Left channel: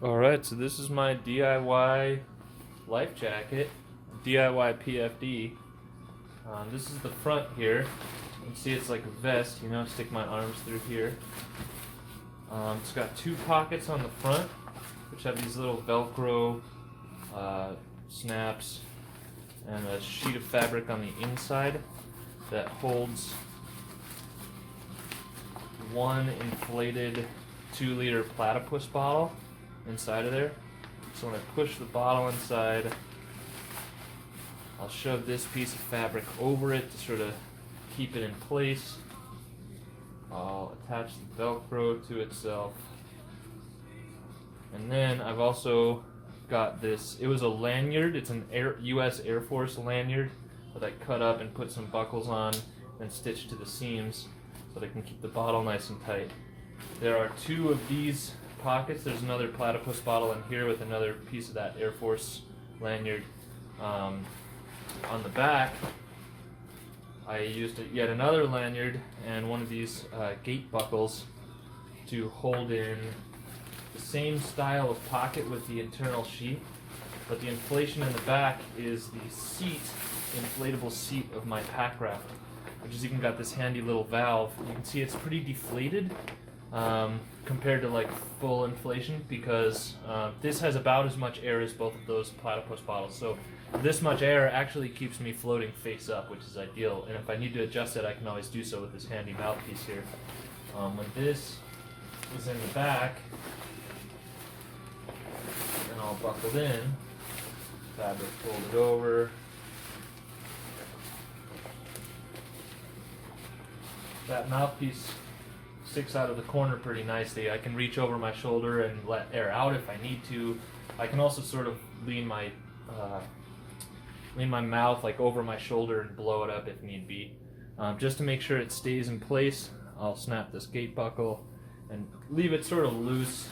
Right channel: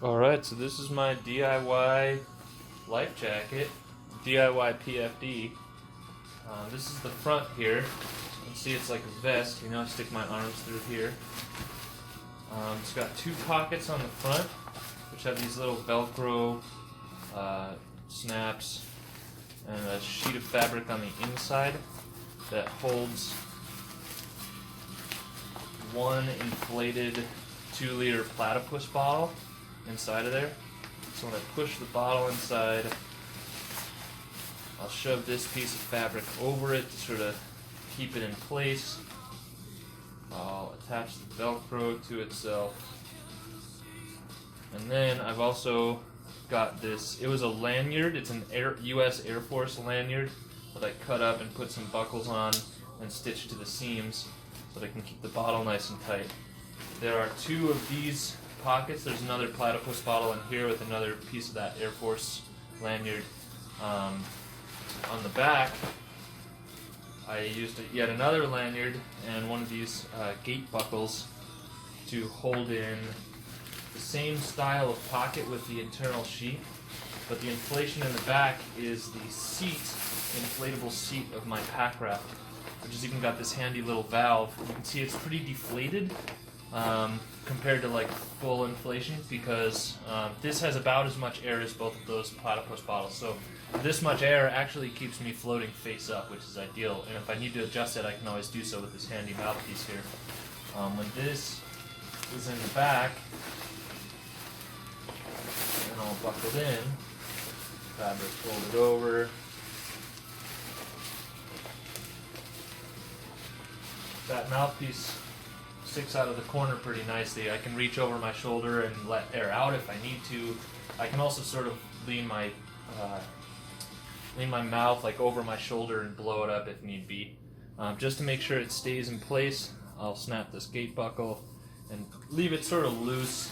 Alright, so this is my DIY life jacket, DIY PFD. This is the front here. You can see it's like a vest, you know, stick my arms through here. It's got two pockets on the front, which have these little Velcro snaps, and a sheet of fabric on the inside that holds one inflated 2-liter platypus bottle inside of there. So when I push the bottle inside, I'll shove this piece of fabric over it to sort of keep it in place. I'll attach the Velcro to itself. And then I've also got this, it was a lanyard, it's an US Air Force lanyard that I cut up and put some buckles on and stitched to the seams so that I can keep the bottle nice and tight. There are two of these pockets. There's another platypus bottle in here with another piece of that Air Force lanyard. On the back, I used yet another lanyard and one of these gate buckles to hold in the same style of pocket with the internal sheet, but the inflation in the back is the seat, inflatable seat of my pack raft, which has even got this handy little valve. You can see it's pretty deflated compared to like full inflation, because this has about as much air as both of those platypus bottles. So this much air actually keeps me floating face up, which is ideal. And if I need to adjust it, I can always do so with this handy mouthpiece here. When this is in the back, and all buckled in, fabric folded over. That mouthpiece sticks out of the corner pretty nicely. I can reach over my shoulder and let air out if I need to. I can also sort of lean my mouth like over my shoulder and blow it up if need be. Just to make sure it stays in place, I'll snap this gate buckle and leave it sort of loose.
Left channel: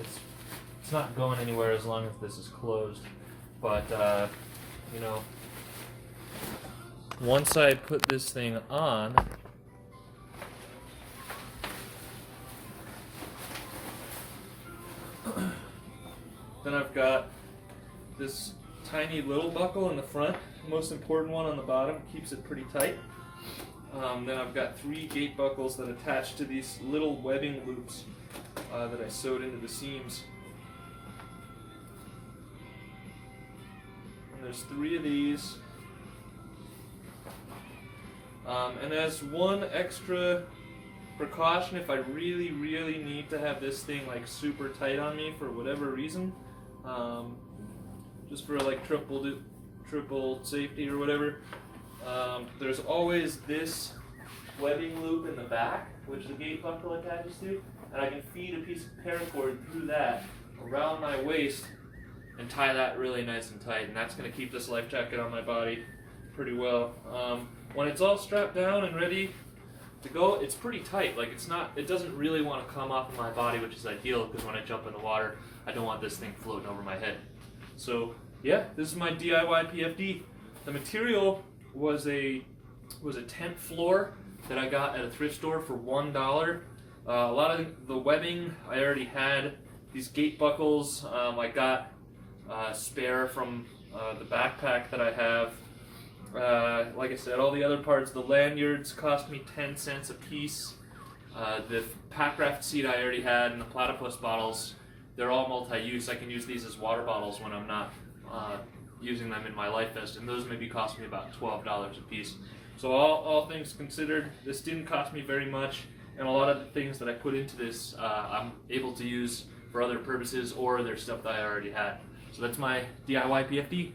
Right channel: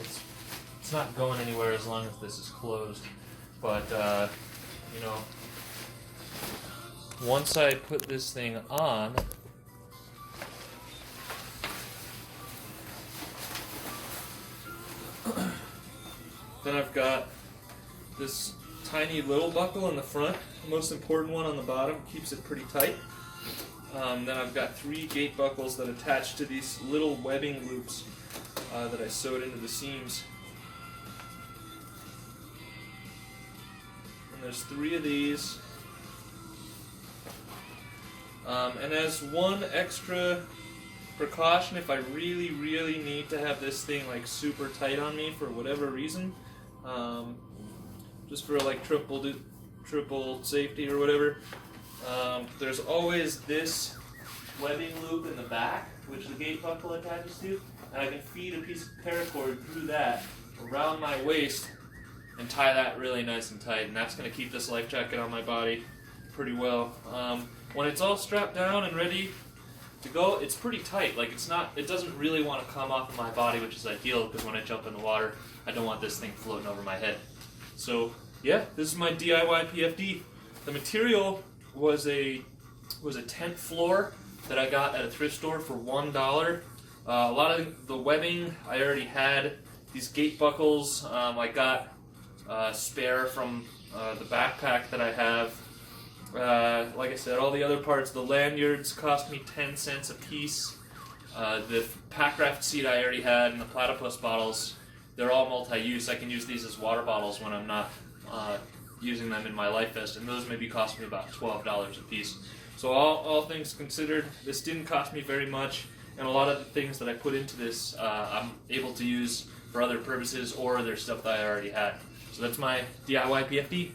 It's not going anywhere as long as this is closed. But you know, once I put this thing on, then I've got this tiny little buckle in the front, the most important one on the bottom, keeps it pretty tight. Then I've got 3 gate buckles that attach to these little webbing loops that I sewed into the seams. And there's 3 of these. And as one extra precaution, if I really need to have this thing like super tight on me for whatever reason, just for like triple safety or whatever, there's always this webbing loop in the back which the gate buckle attaches to, and I can feed a piece of paracord through that around my waist and tie that really nice and tight, and that's going to keep this life jacket on my body pretty well. When it's all strapped down and ready to go, it's pretty tight. Like it doesn't really want to come off of my body, which is ideal because when I jump in the water, I don't want this thing floating over my head. So yeah, this is my DIY PFD. The material was a tent floor that I got at a thrift store for $1. A lot of the webbing I already had. These gate buckles I got spare from the backpack that I have. Like I said, all the other parts, the lanyards cost me 10 cents a piece. The pack raft seat I already had, and the platypus bottles, they're all multi-use. I can use these as water bottles when I'm not using them in my life vest, and those maybe cost me about $12 a piece. So all things considered, this didn't cost me very much, and a lot of the things that I put into this I'm able to use for other purposes, or they're stuff that I already had. So that's my DIY PFD.